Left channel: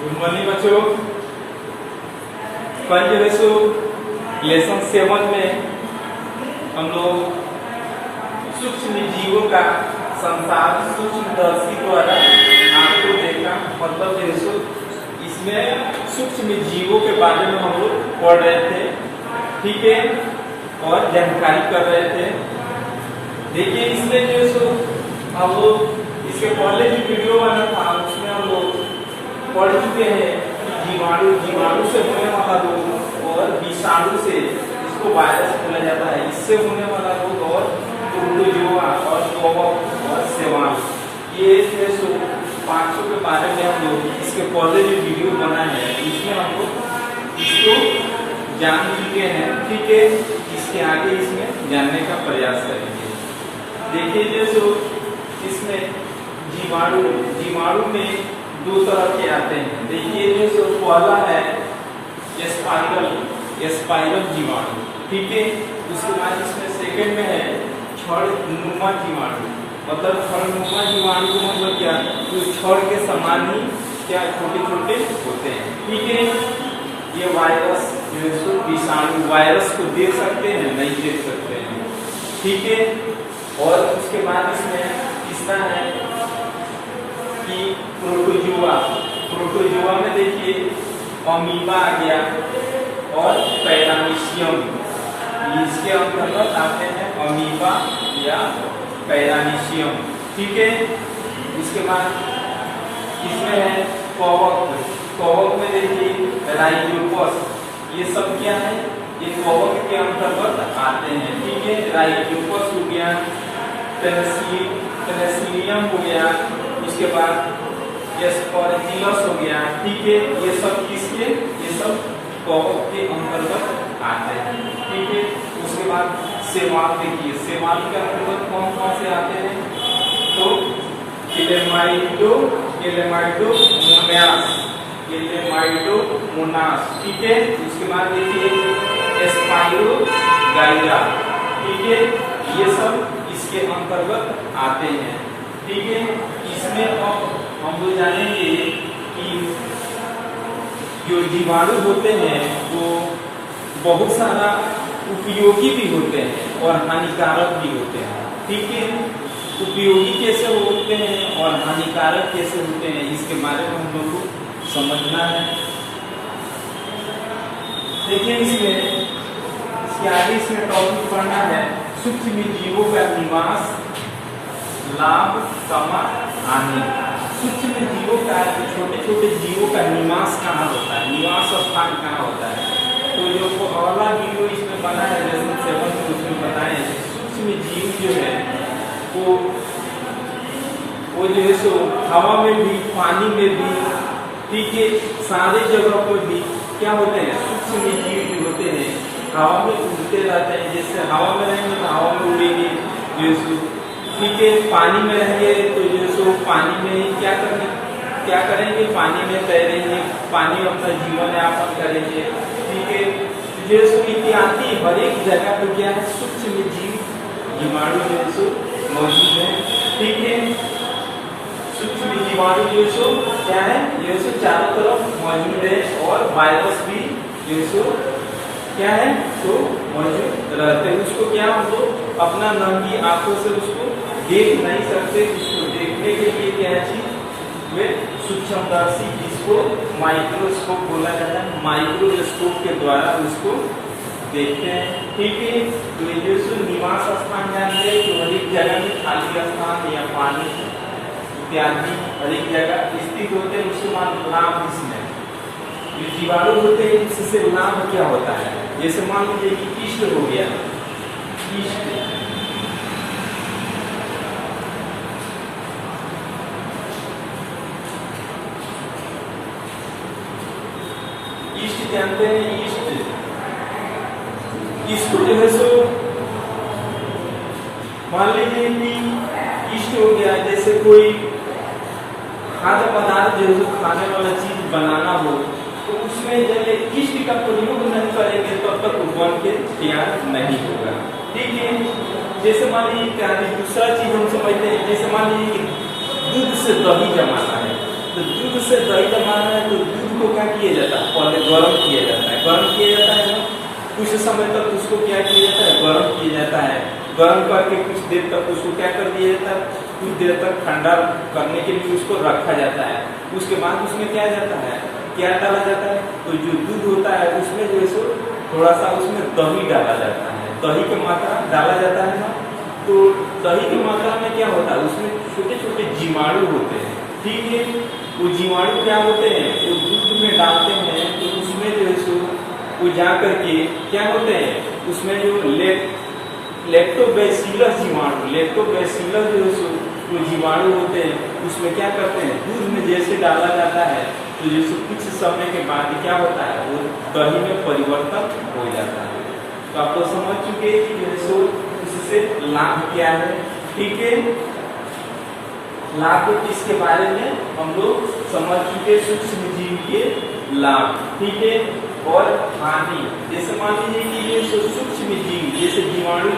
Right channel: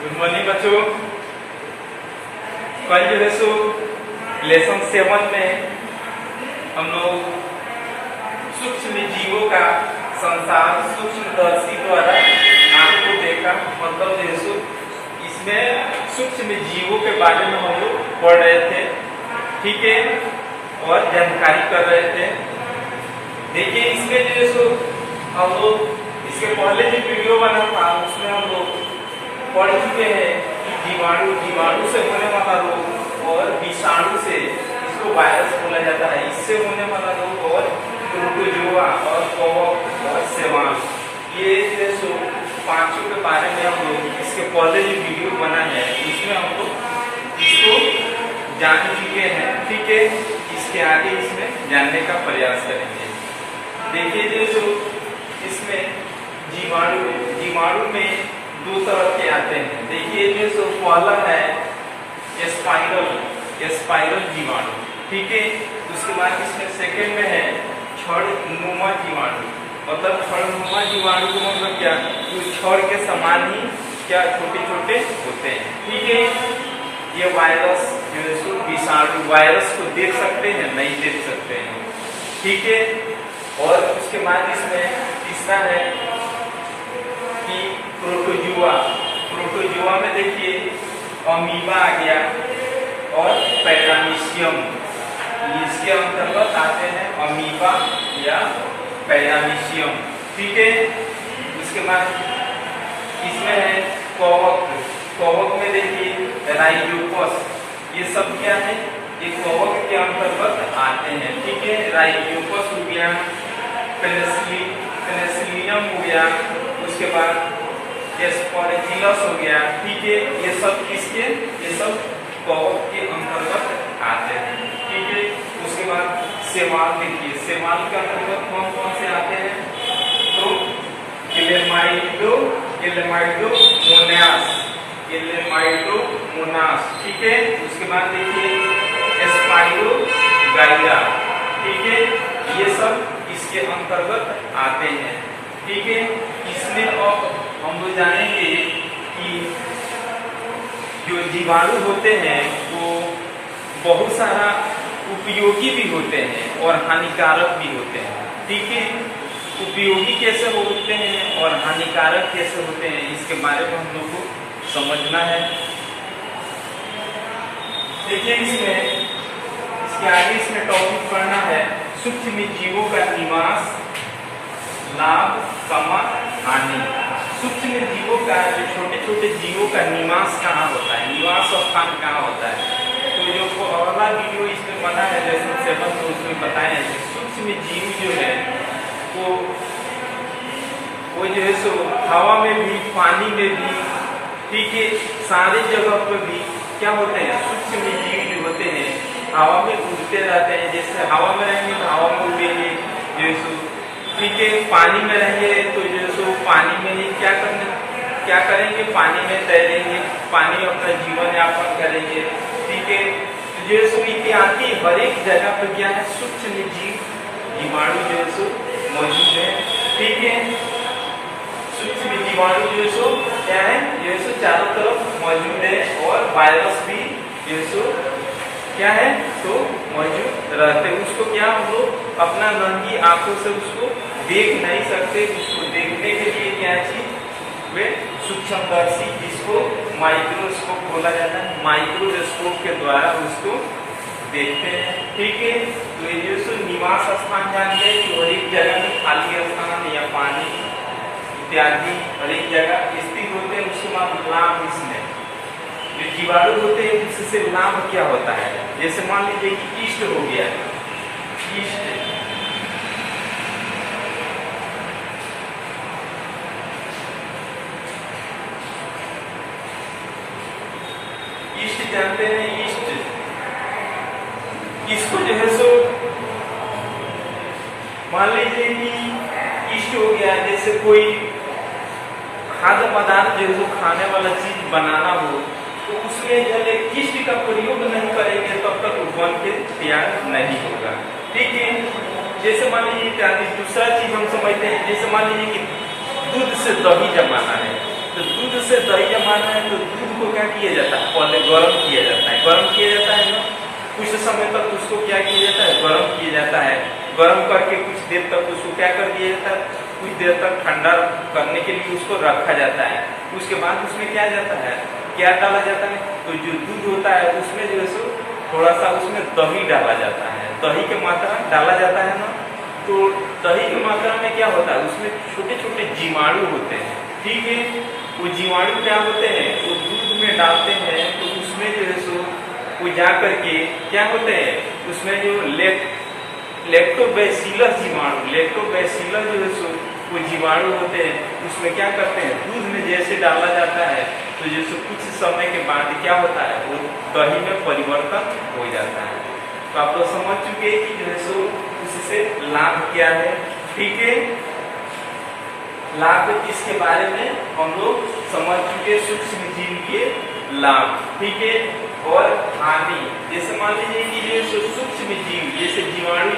Good morning बच्चों। कल जो है सो लेसन 7 में हम लोग सूक्ष्म जीवों का संसार सूक्ष्मदर्शी द्वारा आपको देखा। मतलब जो है सो इसमें सूक्ष्म जीवों के बारे में हम लोग पढ़ रहे थे, ठीक है, और जानकारी कर रहे थे। देखिए इसमें जो है सो हम लोग इसके पहले जो वीडियो बना था उसमें हम लोग पढ़ चुके हैं कि जीवाणु से होने वाला रोग और विषाणु से, इसको वायरस बोला जाता है, इससे होने वाला रोग और प्रोटोजोआ और कवक और शैवाल, ये जो है सो 500 के बारे में हम लोग इसके पहले जो वीडियो बना है इसमें हम लोग इसको जान चुके हैं, ठीक है। इसके आगे इसमें जानने का प्रयास करेंगे। देखिए जो सो इसमें जीवाणु में 2 तरह के आते हैं। देखिए जो सो पहला है स्पाइरल जीवाणु, ठीक है। उसके बाद इसमें सेकंड में है छड़नुमा जीवाणु। मतलब छड़नुमा जीवाणु को मतलब क्या, जो छड़ के समान ही क्या छोटे छोटे होते हैं, ठीक है। ये वायरस जो है सो विषाणु वायरस को देख सकते हैं, नहीं देख सकते हैं, ठीक है। और उसके बाद इसमें तीसरा है कि प्रोटोजोआ में देखिए अमीबा आ गया और पैरामीशियम, इसके अंतर्गत आते हैं अमीबा या पैरामीशियम, ठीक है। उसके बाद इसमें है कवक में देखिए राइजोपस, ये सब क्या है, ये कवक के अंतर्गत आते हैं, ठीक है। राइजोपस हो गया, पेनिसिलियम हो गया, उसके बाद एस्परजिलस हो गया, ठीक है। ये सब किसके, ये सब कवक के अंतर्गत आते हैं, ठीक है। उसके बाद शैवाल, देखिए शैवाल के अंतर्गत कौन कौन से आते हैं, तो एलेमाइडोमोनास, ठीक है। उसके बाद देखिए स्पाइरोगाइरा, ठीक है। ये सब इसके अंतर्गत आते हैं, ठीक है। इसमें अब हम लोग जानेंगे कि जो जीवाणु होते हैं वो बहुत सारा उपयोगी भी होते हैं और हानिकारक भी होते हैं, ठीक है। उपयोगी कैसे होते हैं और हानिकारक कैसे होते हैं, इसके बारे में हम लोग को समझना है। देखिए इसके आगे इसमें टॉपिक पढ़ना है सूक्ष्म जीवों का निवास, लाभ, हानि। सूक्ष्म जीवों का, जो छोटे छोटे जीवों का निवास कहाँ होता है, निवास स्थान कहाँ होता है, तो जो पहला वीडियो इसमें बना है लेसन 7 में, उसमें बताया है सूक्ष्म जीव जो है वो जो है सो हवा में भी, पानी में भी, ठीक है, सारे जगह पर भी क्या होते हैं, सूक्ष्म जीव जो होते हैं हवा में उड़ते रहते हैं। जैसे हवा में रहेंगे तो हवा में उड़ेंगे, जो है सो, ठीक है। पानी में रहेंगे तो जो है सो पानी में ही क्या करेंगे, पानी में तैरेंगे, पानी अपना जीवन यापन करेंगे, ठीक है। जो है सो इत्यादि हर एक जगह पर क्या है, सूक्ष्म जीवाणु जो है सो मौजूद है, ठीक है। सूक्ष्म जीवाणु जो है सो क्या है, जो है सो चारों तरफ मौजूद है और वायरस भी जो है सो क्या है, तो मौजूद रहते हैं। उसको क्या हम लोग अपना नंगी आंखों से उसको देख नहीं सकते, उसको देखने के लिए क्या चीज, वे सूक्ष्मदर्शी, जिसको माइक्रोस्कोप बोला जाता है, माइक्रोस्कोप के द्वारा उसको देखते हैं, ठीक है। तो ये जो सो निवास स्थान जान गए कि हर एक जगह में खाली स्थान या पानी इत्यादि हर एक जगह स्थित होते हैं। उसके बाद लाभ, इसमें जो जीवाणु होते हैं इससे लाभ क्या होता है, जैसे मान लीजिए कि कीस्ट हो गया, ईस्ट जानते हैं, इसको जो है सो मान लीजिए कि ईस्ट हो गया, जैसे कोई खाद्य पदार्थ जो है खाने वाला चीज बनाना हो तो उसमें जब ईस्ट का प्रयोग नहीं करेंगे तब तक वो बन के तैयार नहीं होगा, ठीक है। जैसे मान लीजिए इत्यादि दूसरा चीज हम समझते हैं, जैसे मान लीजिए कि दूध से दही जमाना है, तो दूध से दही जब मारना है तो दूध को क्या किया जाता है, पहले गर्म किया जाता है। गर्म किया जाता है ना, कुछ समय तक उसको क्या किया जाता है, गर्म किया जाता है। गर्म करके कुछ देर तक उसको क्या कर दिया जाता है, कुछ देर तक ठंडा करने के लिए उसको रखा जाता है। उसके बाद उसमें क्या जाता है, क्या डाला जाता है, तो जो दूध होता है उसमें जो है सो थोड़ा सा उसमें दही डाला जाता है। दही की मात्रा डाला जाता है ना, तो दही की मात्रा में क्या होता है, उसमें छोटे छोटे जीवाणु होते हैं। ठीक है, वो जीवाणु क्या होते हैं, वो दूध में डालते हैं तो उसमें जो है सो वो जा करके क्या होते हैं, उसमें जो लैक्टोबैसिलस जीवाणु, लैक्टोबैसिलस जो है सो वो जीवाणु होते हैं, उसमें क्या करते हैं, दूध में जैसे डाला जाता है तो जैसे कुछ समय के बाद क्या होता है, वो दही में परिवर्तन हो जाता है। तो आप तो समझ चुके कि जो है सो इससे लाभ क्या है। ठीक है, लाभ इसके बारे में हम लोग समझ चुके, सूक्ष्म जीव के लाभ। ठीक है, और हानि, जैसे मान लीजिए कि जो है सूक्ष्म जीव जैसे जीवाणु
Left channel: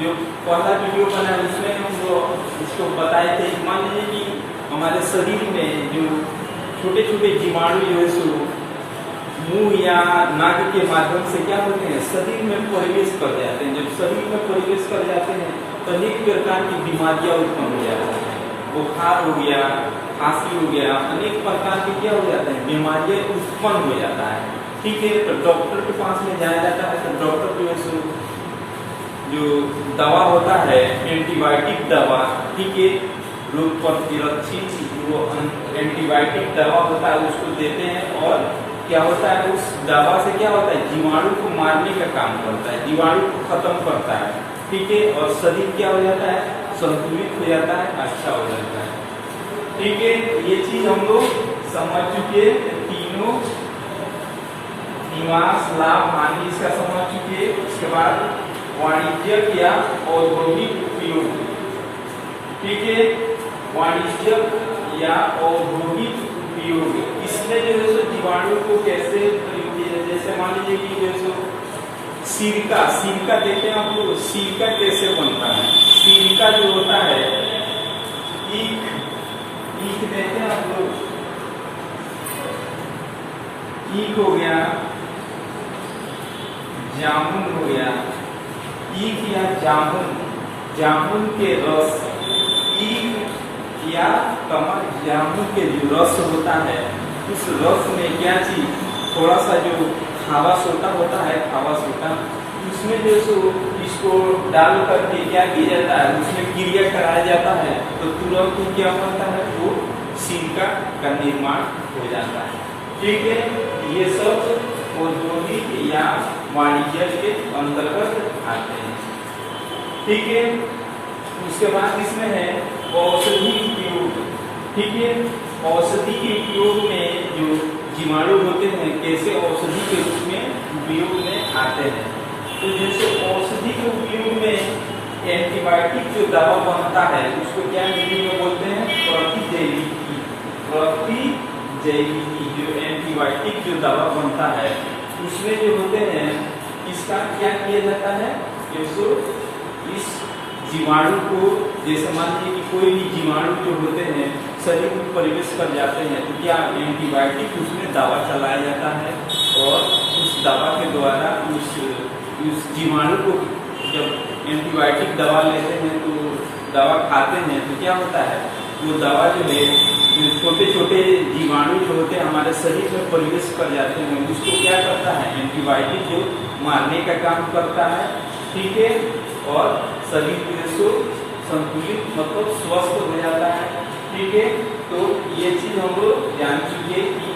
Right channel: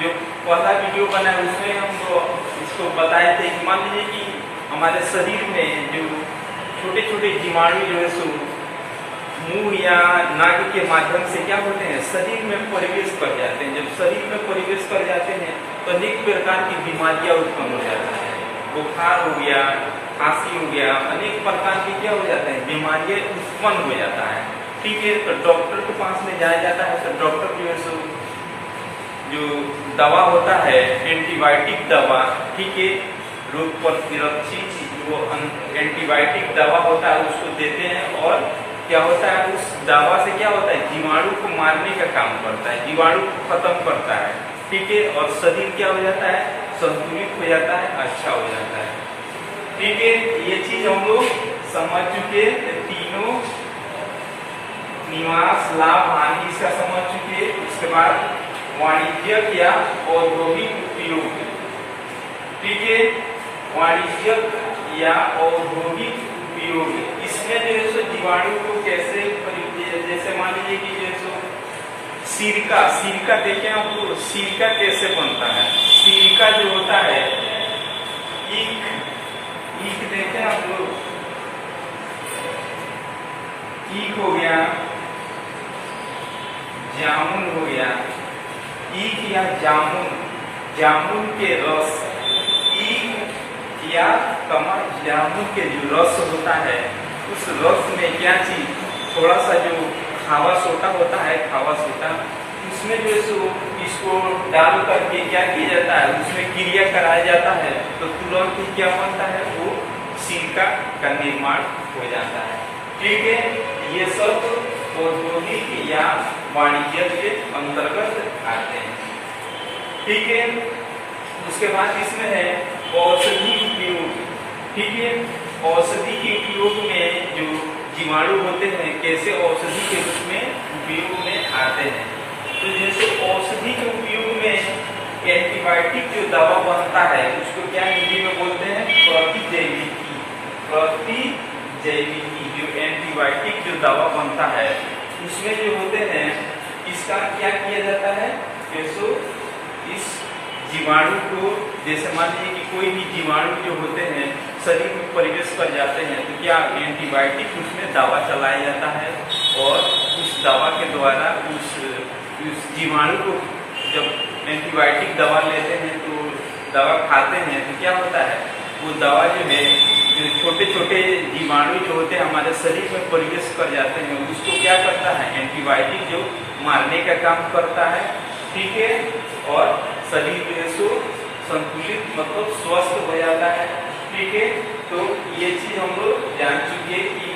जो पहला वीडियो बना है उसमें हम लोग इसको बताए थे कि मान लीजिए कि हमारे शरीर में जो छोटे छोटे जीवाणु जो है सो मुंह या नाक के माध्यम से क्या होते हैं, शरीर में प्रवेश कर जाते हैं। जब शरीर में प्रवेश कर जाते हैं तो अनेक प्रकार की बीमारियां उत्पन्न हो जाती हैं। बुखार हो गया, खांसी हो गया, अनेक प्रकार की क्या हो जाते हैं, बीमारियां उत्पन्न हो जाता है। ठीक है, तो डॉक्टर के पास में जाया जाता है तो डॉक्टर जो है सो जो दवा होता है, एंटीबायोटिक दवा, ठीक है, रोग प्रतिरोधी जो एंटीबायोटिक दवा होता है उसको देते हैं। और क्या होता है, उस दवा से क्या होता है, जीवाणु को मारने का काम करता है, जीवाणु को खत्म करता है। ठीक है, और शरीर क्या हो जाता है, संतुलित हो जाता है, अच्छा हो जाता है। ठीक है, ये चीज हम लोग समझ चुके, तीनों निवास लाभ हानि इसका समझ चुके। इसके बाद वाणिज्यिक या औद्योगिक उपयोग। ठीक है, वाणिज्यिक या औद्योगिक उपयोग, इसमें जो है सो जीवाणु को कैसे प्रयोग किया, जैसे मान लीजिए कि जो है सो सिरका देखे आप लोग, सिरका कैसे बनता है, सिरका जो होता है, ईख देते हैं आप लोग, ईख हो गया, जामुन हो गया, ईख या जामुन के रस, ईख या जामुन के जो रस होता है उस रस में क्या चीज, थोड़ा सा जो खावा सोटा होता है, खावा सोटा, उसमें जो सो इसको डाल करके क्या किया जाता है, उसमें क्रिया कराया जाता है तो तुरंत ही क्या बनता है, वो सिरका का निर्माण हो जाता है। ठीक है, ये सब औद्योगिक या वाणिज्य के अंतर्गत आते हैं। ठीक है, उसके बाद इसमें है औषधि उपयोग। ठीक है, औषधि के उपयोग में जो जीवाणु होते हैं कैसे औषधि के रूप में उपयोग में आते हैं। तो जैसे औषधि के उपयोग में एंटीबायोटिक जो दवा बनता है उसको क्या हिंदी में बोलते हैं, प्रतिजैविकी। प्रतिजैविकी जो एंटीबायोटिक जो दवा बनता है उसमें जो होते हैं, इसका क्या किया जाता है, जैसे इस जीवाणु को, जैसे मान लीजिए कि कोई भी जीवाणु जो होते हैं शरीर में प्रवेश कर जाते हैं तो क्या एंटीबायोटिक उसमें दवा चलाया जाता है और उस दवा के द्वारा उस जीवाणु को, जब एंटीबायोटिक दवा लेते हैं तो दवा खाते हैं तो क्या होता है, वो दवा जो है, जो छोटे छोटे जीवाणु जो होते हैं हमारे शरीर में प्रवेश कर जाते हैं उसको क्या करता है, एंटीबायोटिक जो मारने का काम करता है। ठीक है, और शरीर जो संतुलित मतलब स्वस्थ हो जाता है। ठीक है, तो ये चीज हम लोग जान चुके कि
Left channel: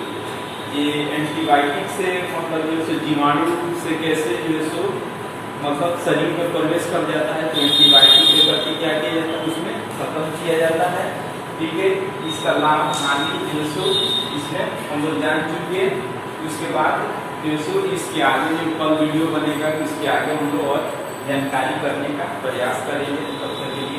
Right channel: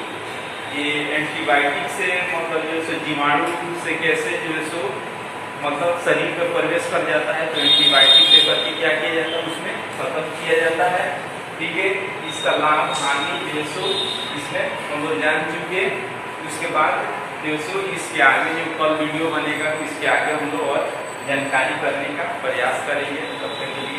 ये एंटीबायोटिक से मतलब जो है जीवाणु से कैसे जो है सो मतलब शरीर में प्रवेश कर जाता है तो एंटीबायोटिक दे करके क्या किया जाता है, उसमें खत्म किया जाता है। ठीक है, इसका लाभ हानि जो है सो इसमें हम लोग जान चुके। उसके बाद जो सो इसके आगे जो कल वीडियो बनेगा इसके आगे हम लोग और जानकारी करने का प्रयास करेंगे। तब तक के लिए